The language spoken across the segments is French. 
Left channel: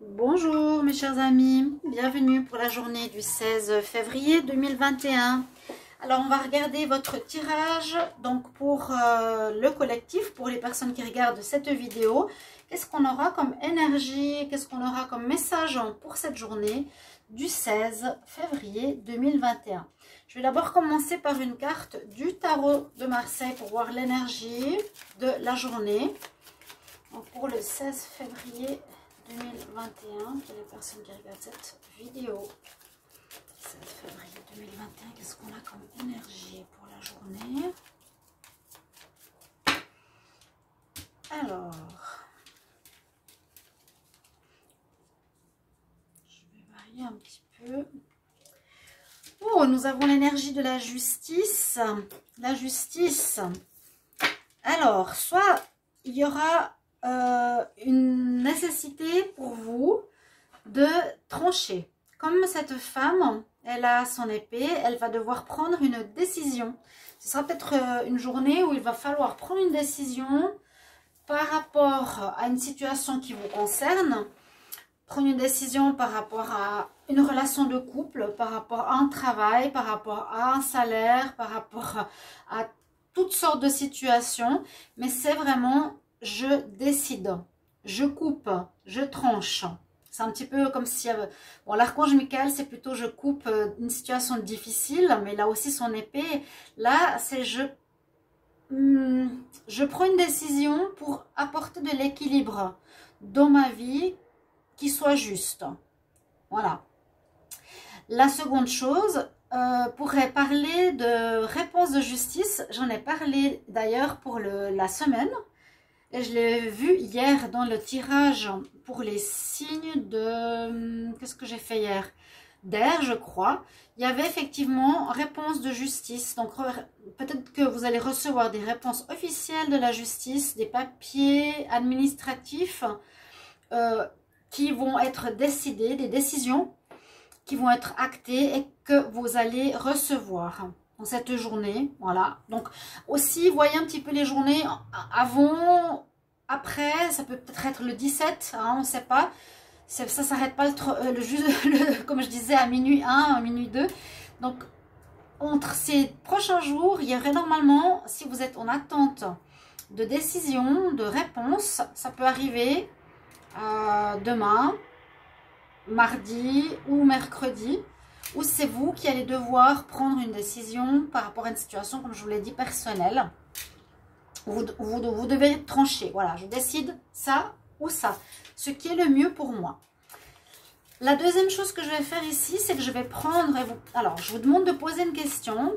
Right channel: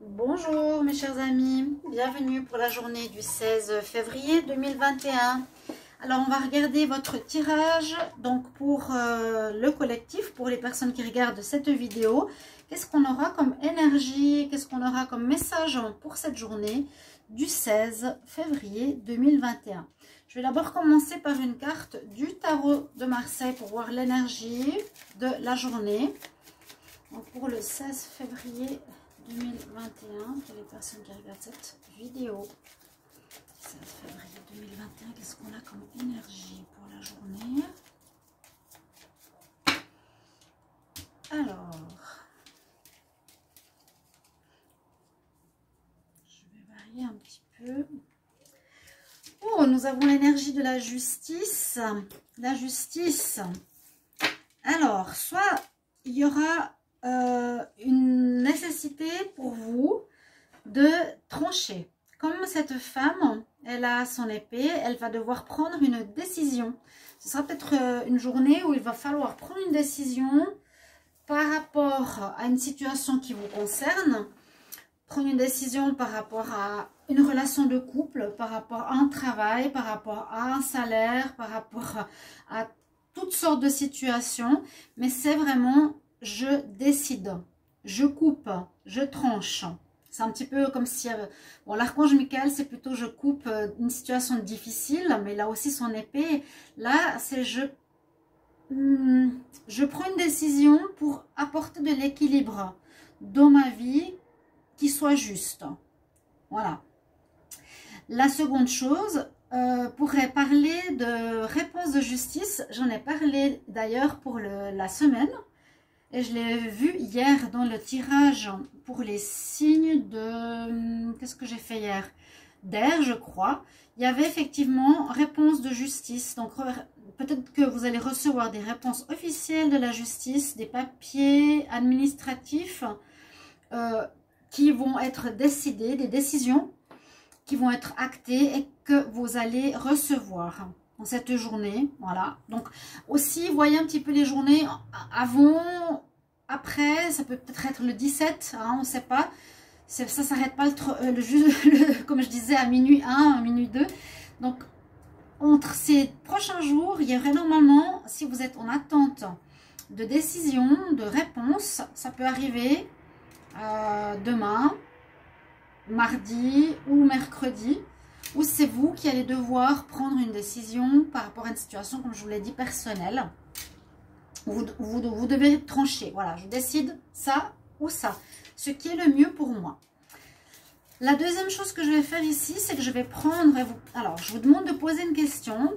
Bonjour mes chers amis, bienvenue pour la journée du 16 février 2021. Alors on va regarder votre tirage donc pour le collectif, pour les personnes qui regardent cette vidéo. Qu'est-ce qu'on aura comme énergie, qu'est-ce qu'on aura comme message pour cette journée du 16 février 2021. Je vais d'abord commencer par une carte du tarot de Marseille pour voir l'énergie de la journée. Donc pour le 16 février 2021, pour les personnes qui regardent cette vidéo. 16 février 2021, qu'est-ce qu'on a comme énergie pour la journée? Alors, je vais varier un petit peu. Oh, nous avons l'énergie de la justice. La justice. Alors, soit il y aura une nécessité pour vous de trancher. Comme cette femme, elle a son épée, elle va devoir prendre une décision. Ce sera peut-être une journée où il va falloir prendre une décision par rapport à une situation qui vous concerne. Prendre une décision par rapport à une relation de couple, par rapport à un travail, par rapport à un salaire, par rapport à toutes sortes de situations. Mais c'est vraiment, je décide, je coupe, je tranche. C'est un petit peu comme si... bon, l'archange Michael, c'est plutôt je coupe une situation difficile, mais il a aussi son épée. Là, c'est je prends une décision pour apporter de l'équilibre dans ma vie qui soit juste. Voilà. La seconde chose, pourrait parler de réponse de justice. J'en ai parlé d'ailleurs pour la semaine. Et je l'ai vu hier dans le tirage pour les signes de... Qu'est-ce que j'ai fait hier? D'air, je crois. Il y avait effectivement réponse de justice. Donc, peut-être que vous allez recevoir des réponses officielles de la justice, des papiers administratifs qui vont être décidés, des décisions qui vont être actées et que vous allez recevoir dans cette journée. Voilà. Donc, aussi, voyez un petit peu les journées avant, après, ça peut peut-être être le 17, hein, on ne sait pas. Ça ne s'arrête pas comme je disais, à minuit 1, à minuit 2. Donc, entre ces prochains jours, il y aurait normalement, si vous êtes en attente de décision, de réponse, ça peut arriver demain, mardi ou mercredi, où c'est vous qui allez devoir prendre une décision par rapport à une situation, comme je vous l'ai dit, personnelle. Vous devez trancher. Voilà, je décide ça ou ça, ce qui est le mieux pour moi. La deuxième chose que je vais faire ici, c'est que je vais prendre... Alors, je vous demande de poser une question.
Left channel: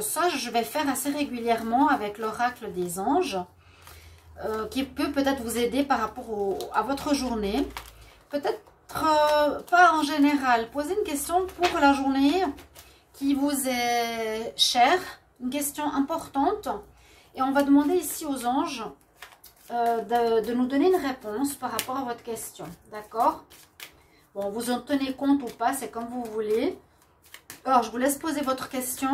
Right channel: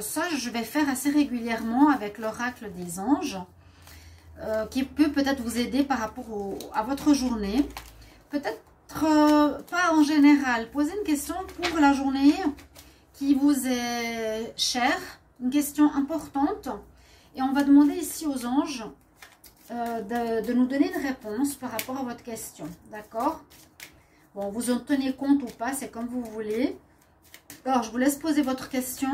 Ça, je vais faire assez régulièrement avec l'oracle des anges, qui peut peut-être vous aider par rapport à votre journée. Peut-être pas en général. Posez une question pour la journée qui vous est chère, une question importante. Et on va demander ici aux anges de nous donner une réponse par rapport à votre question. D'accord? Bon, vous en tenez compte ou pas, c'est comme vous voulez. Alors, je vous laisse poser votre question.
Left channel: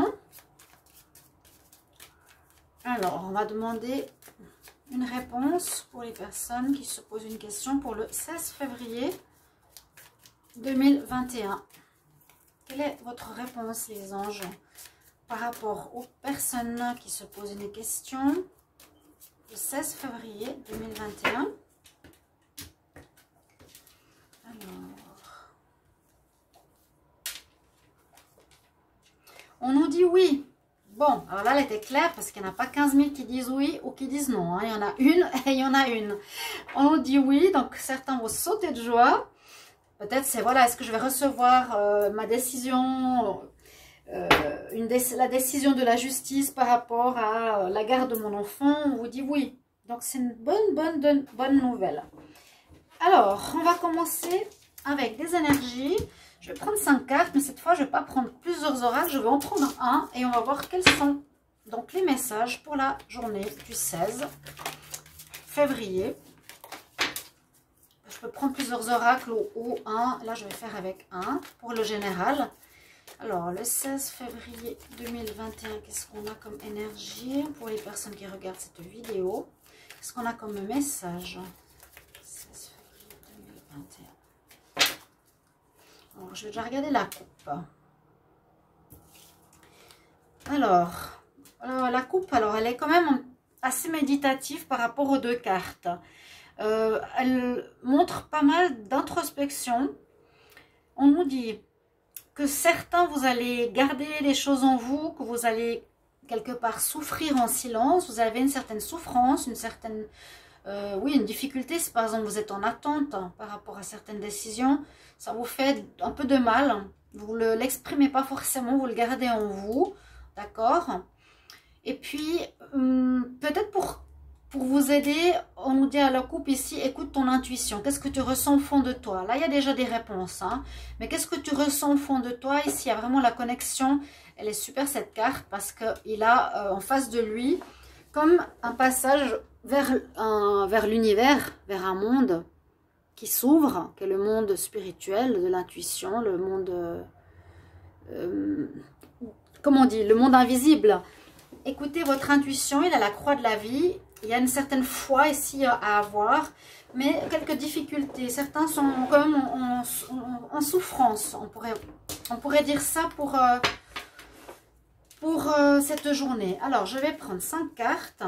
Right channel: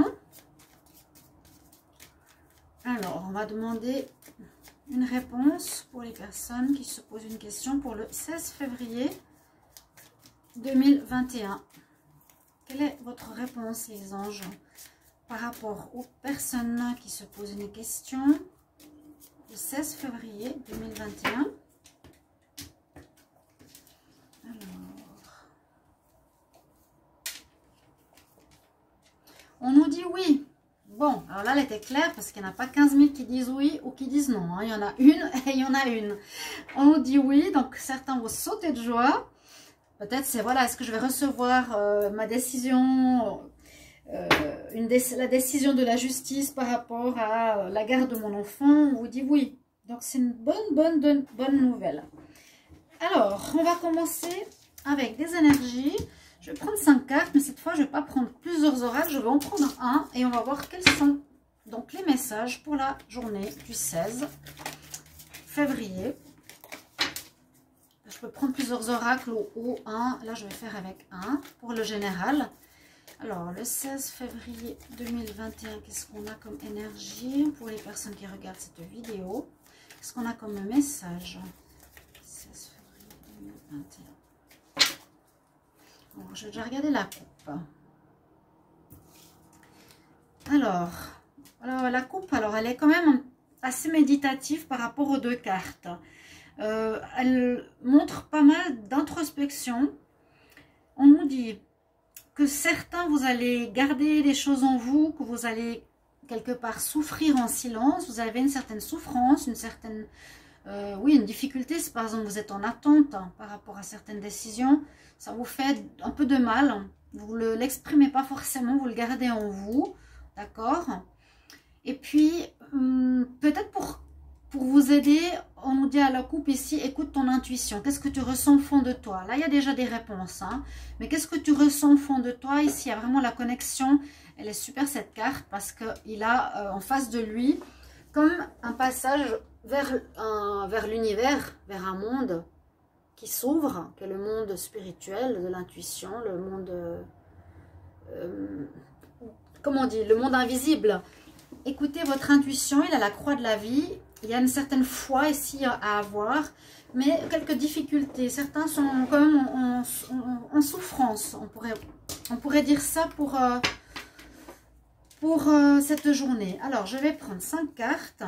Alors, on va demander une réponse pour les personnes qui se posent une question pour le 16 février 2021. Quelle est votre réponse, les anges, par rapport aux personnes qui se posent une question le 16 février 2021? On nous dit oui. Bon, alors là, elle était claire parce qu'il n'y en a pas 15 000 qui disent oui ou qui disent non. Hein. Il y en a une et il y en a une. On nous dit oui, donc certains vont sauter de joie. Peut-être c'est, voilà, est-ce que je vais recevoir ma décision, la décision de la justice par rapport à la garde de mon enfant? On vous dit oui. Donc c'est une bonne nouvelle. Alors, on va commencer avec des énergies. Je vais prendre 5 cartes, mais cette fois, je ne vais pas prendre plusieurs oracles. Je vais en prendre un et on va voir quels sont donc les messages pour la journée du 16 février. Je peux prendre plusieurs oracles ou un. Là, je vais faire avec un pour le général. Alors, le 16 février 2021, qu'est-ce qu'on a comme énergie pour les personnes qui regardent cette vidéo? Qu'est-ce qu'on a comme message? 16 février 2021. Alors, je vais déjà regarder la coupe. Alors, la coupe, alors elle est quand même assez méditative par rapport aux deux cartes. Elle montre pas mal d'introspection. On nous dit que certains, vous allez garder les choses en vous, que vous allez quelque part souffrir en silence. Vous avez une certaine souffrance, une certaine, oui, une difficulté. Si par exemple vous êtes en attente par rapport à certaines décisions, ça vous fait un peu de mal. Vous ne l'exprimez pas forcément, vous le gardez en vous, d'accord? Et puis, peut-être pour vous aider, on nous dit à la coupe ici, écoute ton intuition. Qu'est-ce que tu ressens au fond de toi? Là, il y a déjà des réponses. Hein, mais qu'est-ce que tu ressens au fond de toi? Ici, il y a vraiment la connexion. Elle est super cette carte parce qu'il a en face de lui comme un passage vers l'univers, vers un monde qui s'ouvre, qui est le monde spirituel, de l'intuition, le monde, comment on dit, le monde invisible. Écoutez votre intuition, il a la croix de la vie. Il y a une certaine foi ici à avoir, mais quelques difficultés. Certains sont quand même en souffrance. On pourrait dire ça pour cette journée. Alors, je vais prendre 5 cartes.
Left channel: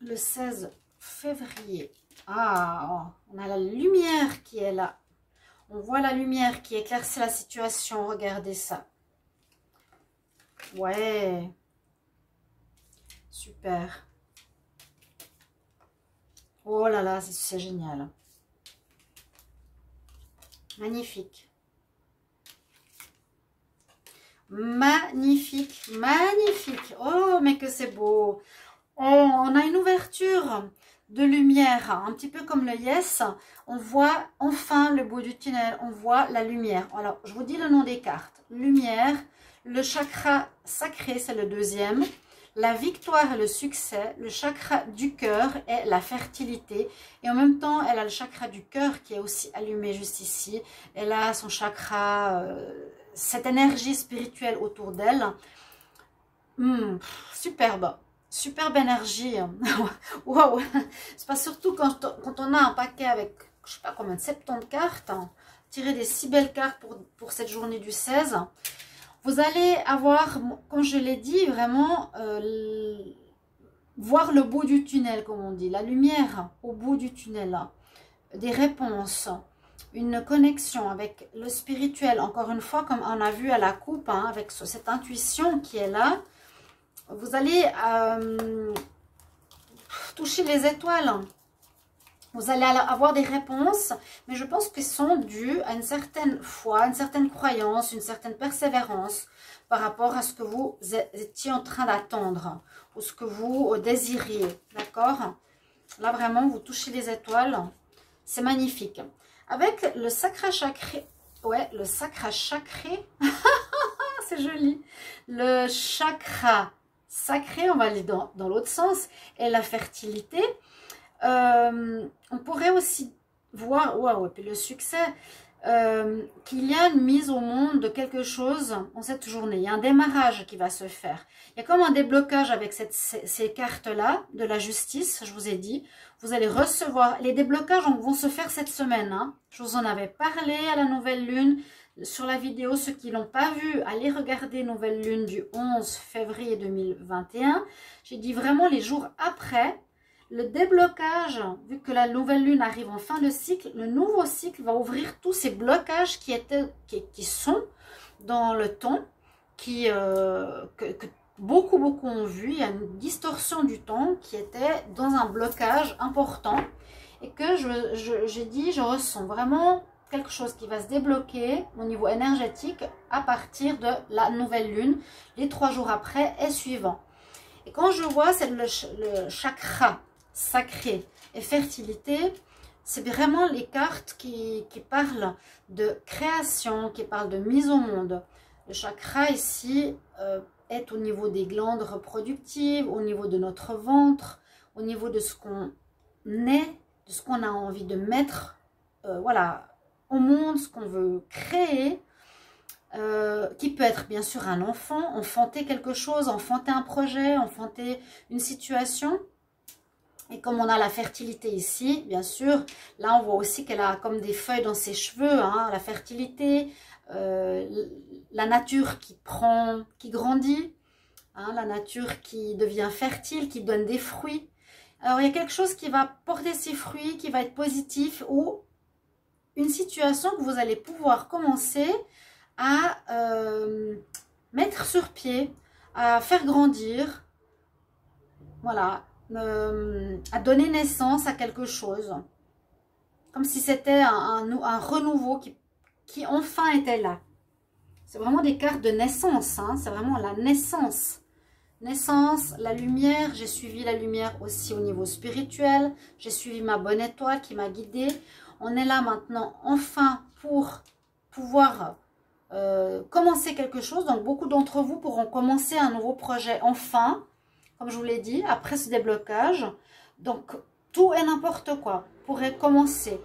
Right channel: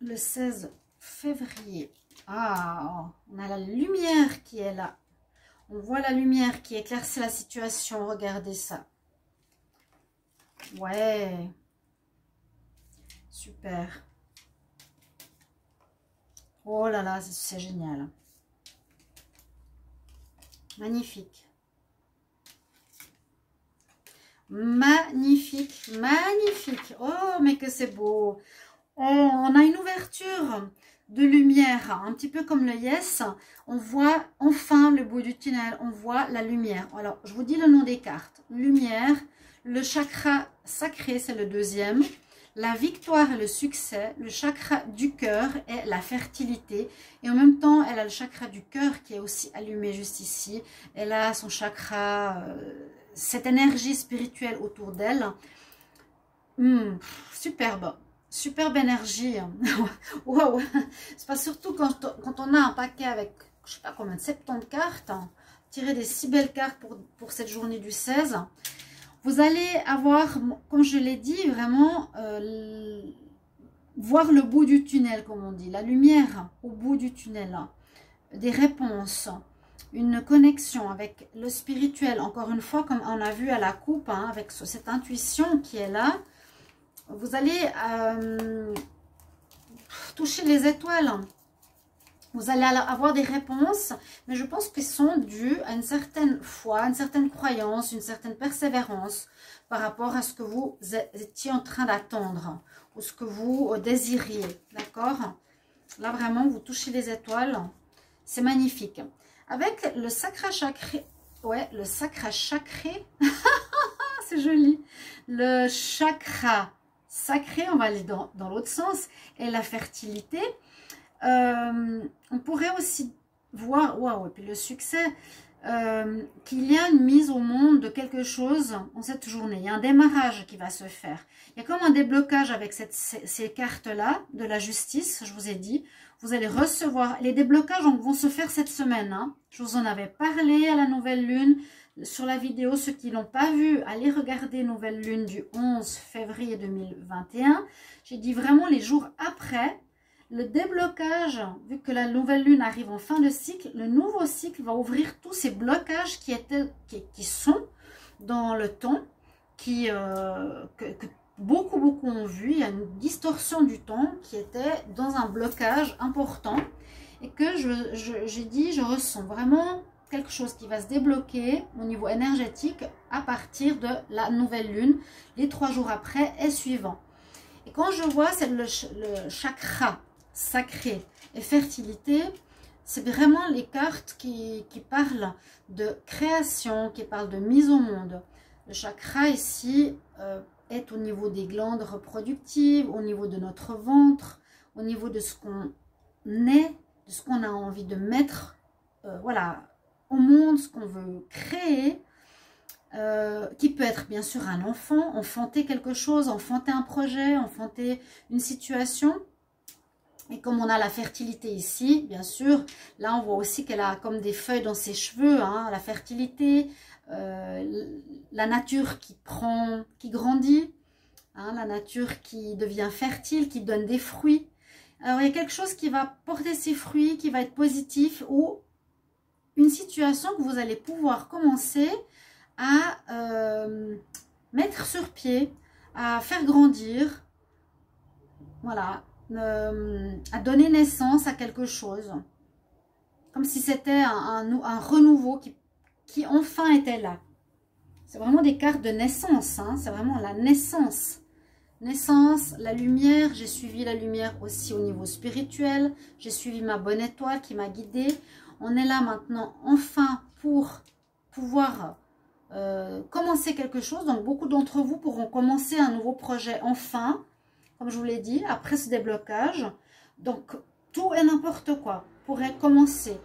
Le 16 février. Ah, on a la lumière qui est là. On voit la lumière qui éclaircit la situation. Regardez ça. Ouais. Super. Oh là là, c'est génial. Magnifique. Magnifique, magnifique. Oh, mais que c'est beau. Oh, on a une ouverture de lumière, un petit peu comme le Yes. On voit enfin le bout du tunnel, on voit la lumière. Alors, je vous dis le nom des cartes. Lumière, le chakra sacré, c'est le deuxième. La victoire et le succès, le chakra du cœur est la fertilité. Et en même temps, elle a le chakra du cœur qui est aussi allumé juste ici. Elle a son chakra, cette énergie spirituelle autour d'elle. Superbe. Superbe énergie. Waouh. C'est pas surtout quand on a un paquet avec, je sais pas combien, de 70 cartes. Tirer des si belles cartes pour cette journée du 16. Vous allez avoir, comme je l'ai dit, vraiment voir le bout du tunnel, comme on dit. La lumière au bout du tunnel. Des réponses. Une connexion avec le spirituel. Encore une fois, comme on a vu à la coupe, hein, avec cette intuition qui est là. Vous allez toucher les étoiles. Vous allez avoir des réponses, mais je pense qu'elles sont dues à une certaine foi, une certaine croyance, une certaine persévérance par rapport à ce que vous étiez en train d'attendre ou ce que vous désiriez. D'accord? Là, vraiment, vous touchez les étoiles. C'est magnifique. Avec le chakra sacré. Ouais, le chakra sacré. C'est joli. Le chakra sacré, on va aller dans l'autre sens, et la fertilité. On pourrait aussi voir, waouh, et puis le succès, qu'il y a une mise au monde de quelque chose en cette journée. Il y a un démarrage qui va se faire. Il y a comme un déblocage avec ces cartes-là de la justice, je vous ai dit. Vous allez recevoir, les déblocages vont se faire cette semaine. Hein. Je vous en avais parlé à la nouvelle lune. Sur la vidéo, ceux qui ne l'ont pas vu, allez regarder Nouvelle Lune du 11 février 2021. J'ai dit vraiment les jours après, le déblocage, vu que la nouvelle lune arrive en fin de cycle, le nouveau cycle va ouvrir tous ces blocages qui sont dans le temps, que beaucoup ont vu. Il y a une distorsion du temps qui était dans un blocage important et que j'ai dit, je ressens vraiment quelque chose qui va se débloquer au niveau énergétique à partir de la nouvelle lune, les 3 jours après et suivant. Et quand je vois, c'est le chakra sacré et fertilité, c'est vraiment les cartes qui parlent de création, qui parlent de mise au monde. Le chakra ici est au niveau des glandes reproductives, au niveau de notre ventre, au niveau de ce qu'on est, de ce qu'on a envie de mettre, voilà, au monde, ce qu'on veut créer, qui peut être bien sûr un enfant, enfanter quelque chose, enfanter un projet, enfanter une situation. Et comme on a la fertilité ici, bien sûr, là on voit aussi qu'elle a comme des feuilles dans ses cheveux, hein, la fertilité, la nature qui grandit, hein, la nature qui devient fertile, qui donne des fruits. Alors il y a quelque chose qui va porter ses fruits, qui va être positif, ou une situation que vous allez pouvoir commencer à mettre sur pied, à faire grandir, voilà, à donner naissance à quelque chose. Comme si c'était un renouveau qui enfin était là. C'est vraiment des cartes de naissance, hein, c'est vraiment la naissance. Naissance, la lumière, j'ai suivi la lumière aussi au niveau spirituel, j'ai suivi ma bonne étoile qui m'a guidée. On est là maintenant enfin pour pouvoir commencer quelque chose. Donc beaucoup d'entre vous pourront commencer un nouveau projet enfin, comme je vous l'ai dit, après ce déblocage. Donc tout et n'importe quoi pourrait commencer,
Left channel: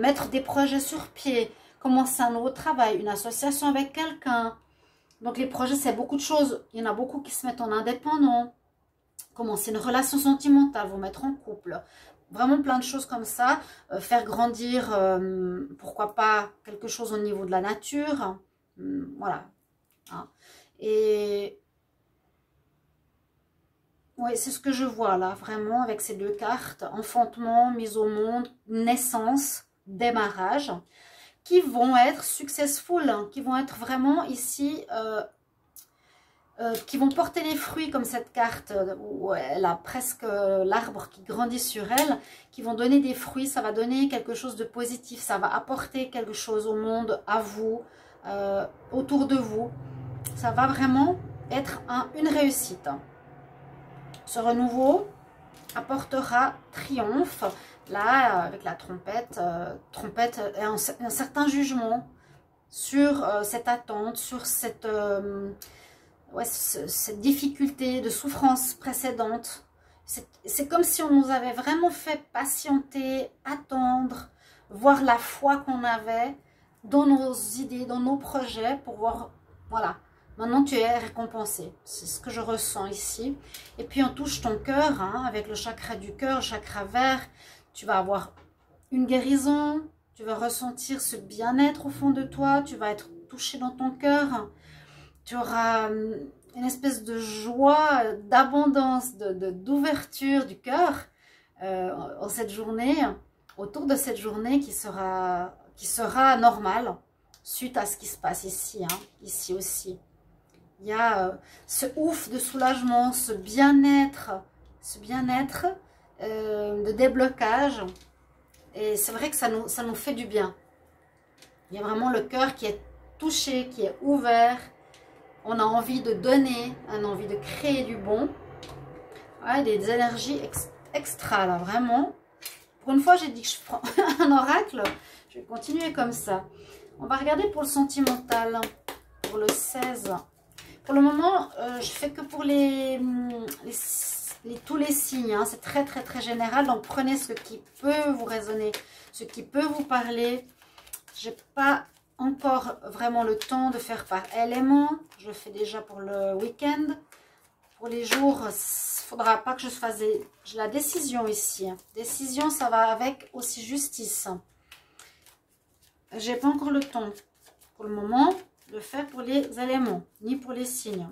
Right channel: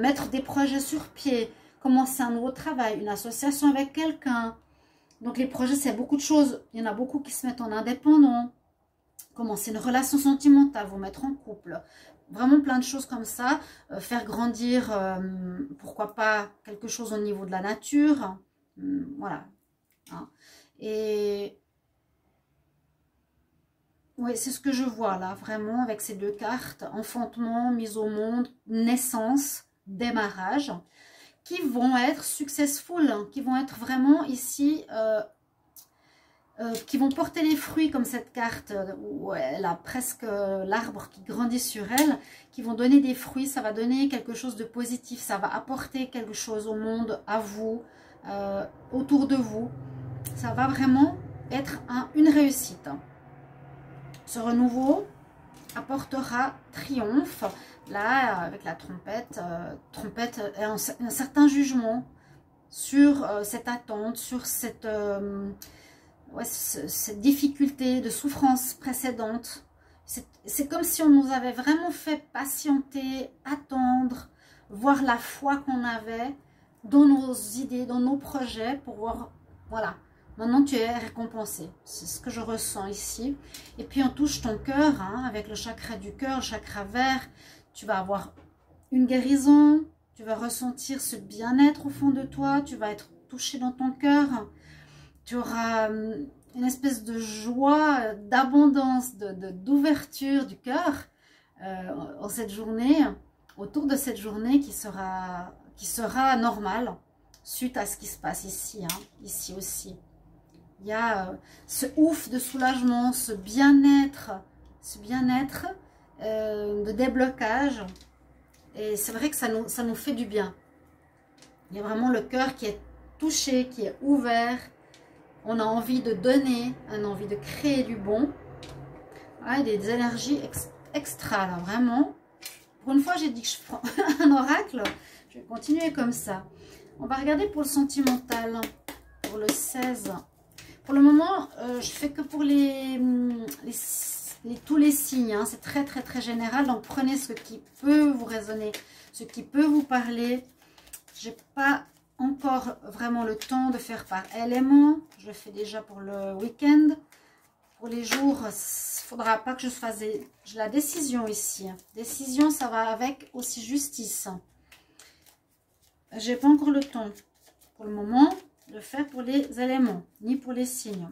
mettre des projets sur pied, commencer un nouveau travail, une association avec quelqu'un. Donc les projets, c'est beaucoup de choses. Il y en a beaucoup qui se mettent en indépendant. Commencer une relation sentimentale, vous mettre en couple. Vraiment plein de choses comme ça. Faire grandir, pourquoi pas, quelque chose au niveau de la nature. Voilà. Hein. Et oui, c'est ce que je vois là, vraiment, avec ces deux cartes. Enfantement, mise au monde, naissance, démarrage. Qui vont être successful, hein, qui vont être vraiment ici, qui vont porter les fruits comme cette carte où elle a presque l'arbre qui grandit sur elle, qui vont donner des fruits, ça va donner quelque chose de positif, ça va apporter quelque chose au monde, à vous, autour de vous. Ça va vraiment être une réussite. Ce renouveau apportera triomphe. Là, avec la trompette, et un certain jugement sur cette attente, sur cette difficulté de souffrance précédente. C'est comme si on nous avait vraiment fait patienter, attendre, voir la foi qu'on avait dans nos idées, dans nos projets, pour voir, voilà, maintenant tu es récompensé. C'est ce que je ressens ici. Et puis on touche ton cœur, hein, avec le chakra du cœur, le chakra vert. Tu vas avoir une guérison, tu vas ressentir ce bien-être au fond de toi, tu vas être touché dans ton cœur. Tu auras une espèce de joie, d'abondance, d'ouverture du cœur en cette journée, autour de cette journée qui sera normale suite à ce qui se passe ici, hein, ici aussi. Il y a ce ouf de soulagement, ce bien-être de déblocage. Et c'est vrai que ça nous fait du bien. Il y a vraiment le cœur qui est touché, qui est ouvert. On a envie de donner, on a envie de créer du bon. Ouais, des énergies extra, là, vraiment. Pour une fois, j'ai dit que je prends un oracle. Je vais continuer comme ça. On va regarder pour le sentimental, pour le 16. Pour le moment, je fais que pour tous les signes. Hein. C'est très, très, très général. Donc, prenez ce qui peut vous résonner, ce qui peut vous parler. Je n'ai pas encore vraiment le temps de faire par élément. Je le fais déjà pour le week-end. Pour les jours, il ne faudra pas que je fasse la décision ici. Décision, ça va avec aussi justice. Je n'ai pas encore le temps pour le moment de faire pour les éléments, ni pour les signes.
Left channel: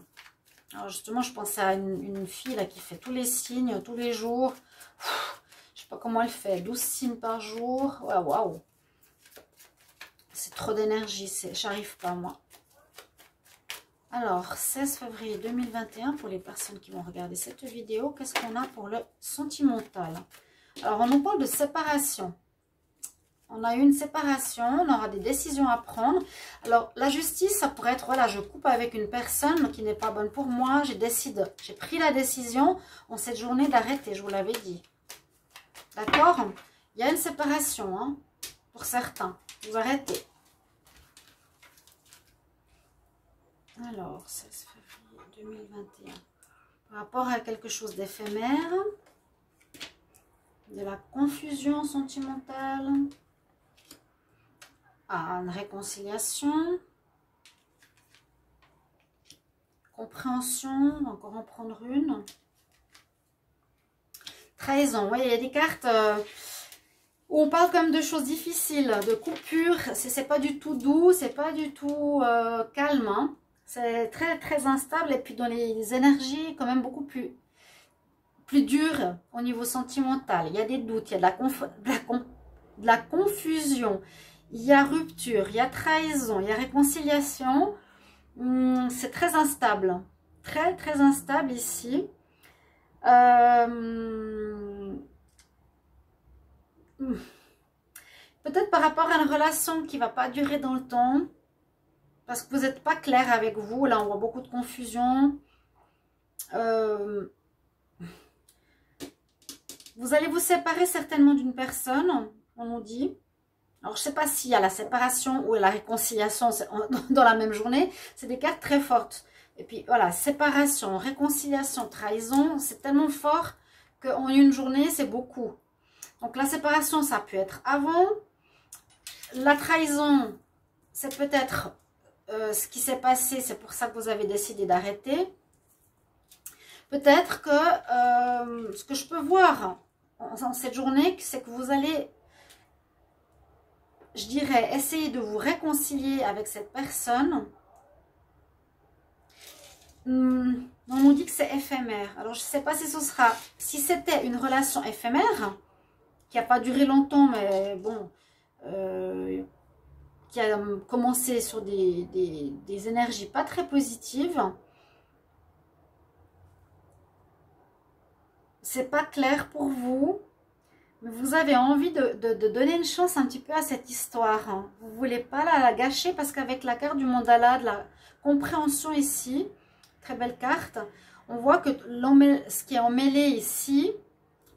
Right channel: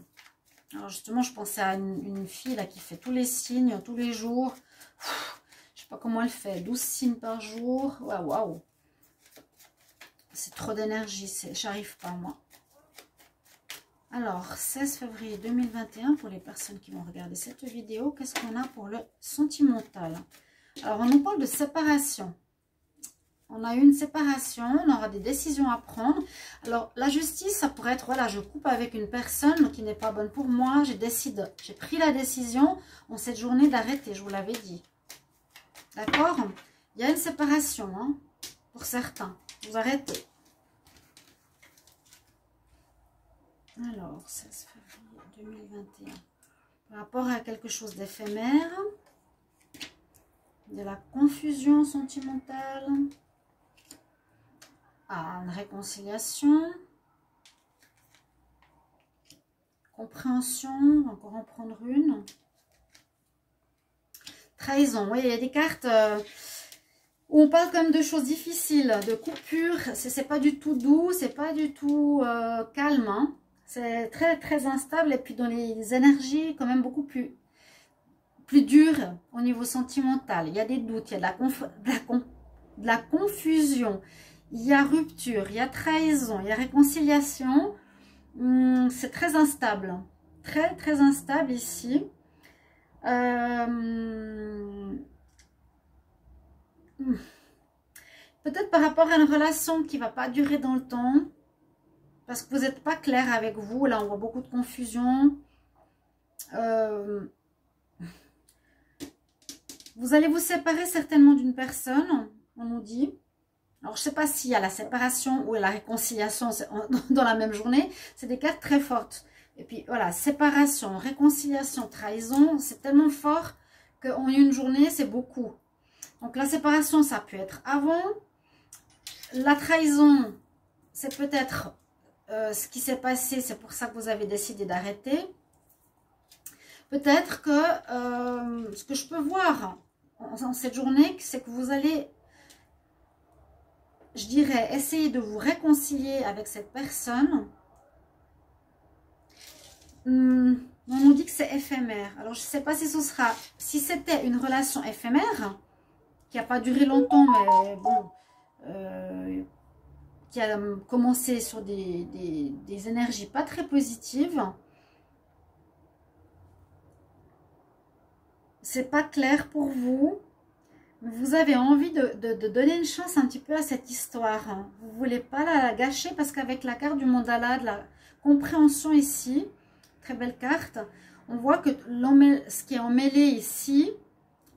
Alors justement, je pensais à une fille là qui fait tous les signes, tous les jours. Je ne sais pas comment elle fait. 12 signes par jour. Waouh, waouh. C'est trop d'énergie, j'arrive pas moi. Alors, 16 février 2021, pour les personnes qui vont regarder cette vidéo, qu'est-ce qu'on a pour le sentimental? Alors, on nous parle de séparation. On a eu une séparation, on aura des décisions à prendre. Alors, la justice, ça pourrait être, voilà, je coupe avec une personne qui n'est pas bonne pour moi. J'ai pris la décision en cette journée d'arrêter, je vous l'avais dit. D'accord? Il y a une séparation, hein, pour certains. Vous arrêtez. Alors, 16 février 2021. Par rapport à quelque chose d'éphémère, de la confusion sentimentale, à une réconciliation, compréhension, encore en prendre une. trahison. Ouais, il y a des cartes où on parle quand même de choses difficiles, de coupures. C'est pas du tout doux, c'est pas du tout calme. Hein. C'est très très instable et puis dans les énergies quand même beaucoup plus dures au niveau sentimental. Il y a des doutes, il y a de la confusion, il y a rupture, il y a trahison, il y a réconciliation. C'est très instable, très très instable ici. Peut-être par rapport à une relation qui ne va pas durer dans le temps, parce que vous n'êtes pas clair avec vous. Là, on voit beaucoup de confusion. Vous allez vous séparer certainement d'une personne, on nous dit. Alors, je ne sais pas s'il y a la séparation ou la réconciliation dans la même journée. C'est des cartes très fortes. Et puis, voilà, séparation, réconciliation, trahison, c'est tellement fort qu'en une journée, c'est beaucoup. Donc, la séparation, ça peut être avant. La trahison, c'est peut-être ce qui s'est passé. C'est pour ça que vous avez décidé d'arrêter. Peut-être que ce que je peux voir en cette journée, c'est que vous allez, je dirais, essayer de vous réconcilier avec cette personne. On nous dit que c'est éphémère. Alors, je ne sais pas si ce sera... Si c'était une relation éphémère, qui n'a pas duré longtemps, mais bon... qui a commencé sur des énergies pas très positives. C'est pas clair pour vous. Mais vous avez envie de donner une chance un petit peu à cette histoire. Hein. Vous ne voulez pas la gâcher parce qu'avec la carte du mandala, de la compréhension ici, très belle carte, on voit que ce qui est emmêlé ici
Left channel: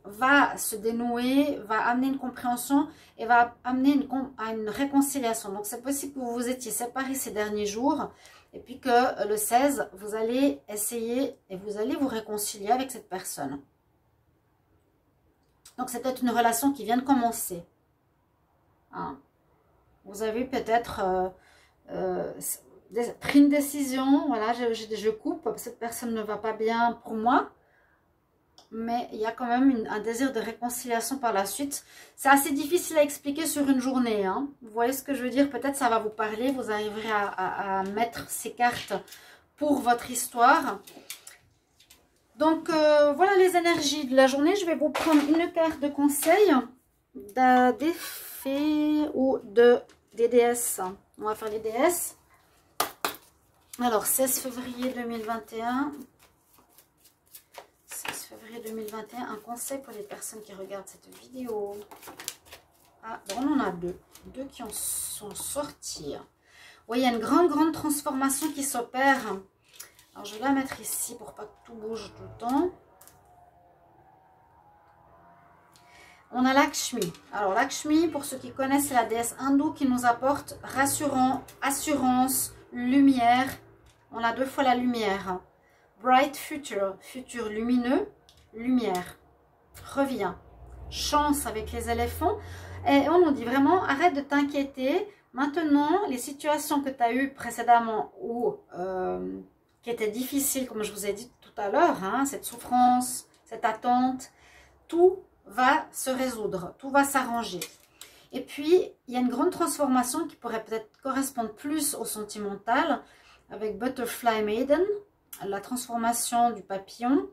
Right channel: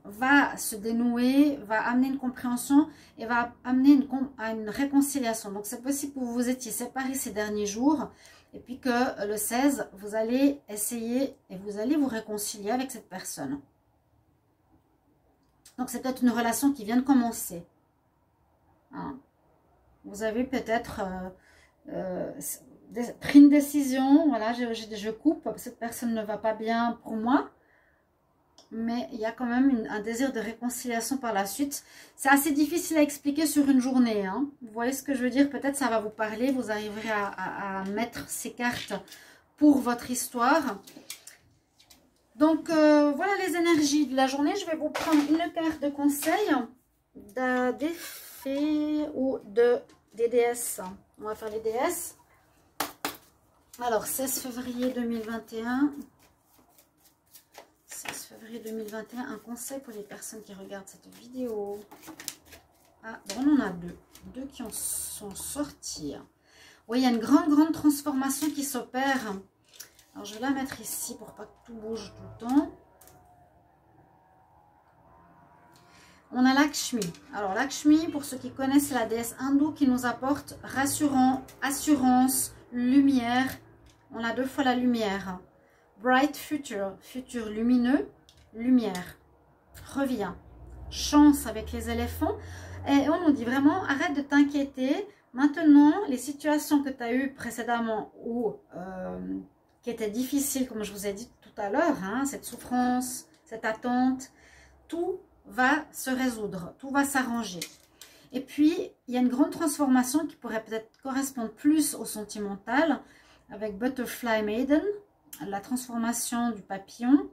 va se dénouer, va amener une compréhension et va amener à une réconciliation. Donc, c'est possible que vous vous étiez séparés ces derniers jours et puis que le 16, vous allez essayer et vous allez vous réconcilier avec cette personne. Donc, c'est peut-être une relation qui vient de commencer. Hein. Vous avez peut-être pris une décision. Voilà, je coupe. Cette personne ne va pas bien pour moi. Mais il y a quand même un désir de réconciliation par la suite. C'est assez difficile à expliquer sur une journée. Hein. Vous voyez ce que je veux dire? Peut-être ça va vous parler. Vous arriverez à mettre ces cartes pour votre histoire. Donc, voilà les énergies de la journée. Je vais vous prendre une carte de conseil des fées ou des déesses. On va faire les déesses. Alors, 16 février 2021. 16 février 2021. Un conseil pour les personnes qui regardent cette vidéo. Ah, bon, on en a deux. Deux qui en sont sortis. Oui, il y a une grande transformation qui s'opère. Alors, je vais la mettre ici pour pas que tout bouge tout le temps. On a Lakshmi. Alors, Lakshmi, pour ceux qui connaissent, c'est la déesse hindoue qui nous apporte assurance, lumière. On a deux fois la lumière. Bright future, futur lumineux, lumière. Reviens. Chance avec les éléphants. Et on nous dit vraiment, arrête de t'inquiéter. Maintenant, les situations que tu as eues précédemment ou... qui était difficile, comme je vous ai dit tout à l'heure, hein, cette souffrance, cette attente, tout va se résoudre, tout va s'arranger. Et puis, il y a une grande transformation qui pourrait peut-être correspondre plus au sentimental, avec Butterfly Maiden, la transformation du papillon.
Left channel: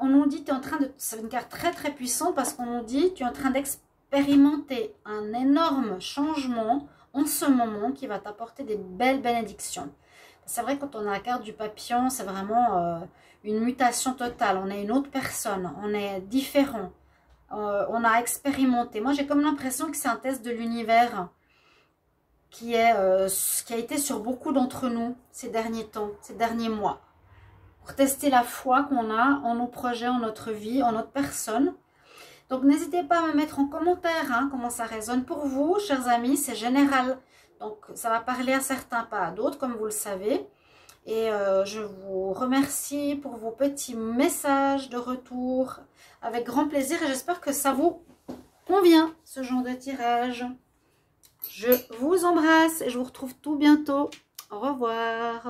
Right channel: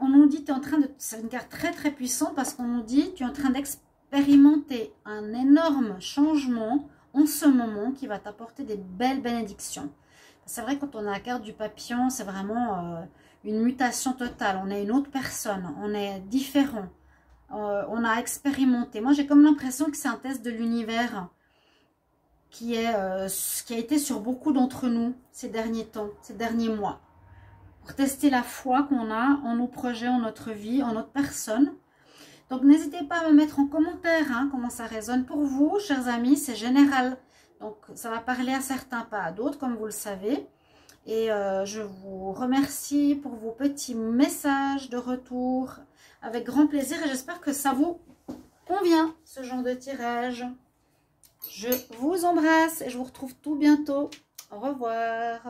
On nous dit, tu es en train de... C'est une carte très puissante parce qu'on nous dit, tu es en train d'expérimenter un énorme changement en ce moment qui va t'apporter des belles bénédictions. C'est vrai, quand on a la carte du papillon, c'est vraiment une mutation totale. On est une autre personne, on est différent, on a expérimenté. Moi, j'ai comme l'impression que c'est un test de l'univers qui a été sur beaucoup d'entre nous ces derniers temps, ces derniers mois. Pour tester la foi qu'on a en nos projets, en notre vie, en notre personne. Donc, n'hésitez pas à me mettre en commentaire hein, comment ça résonne pour vous, chers amis. C'est général. Donc, ça va parler à certains, pas à d'autres, comme vous le savez. Et je vous remercie pour vos petits messages de retour. Avec grand plaisir. Et j'espère que ça vous convient, ce genre de tirage. Je vous embrasse et je vous retrouve tout bientôt. Au revoir.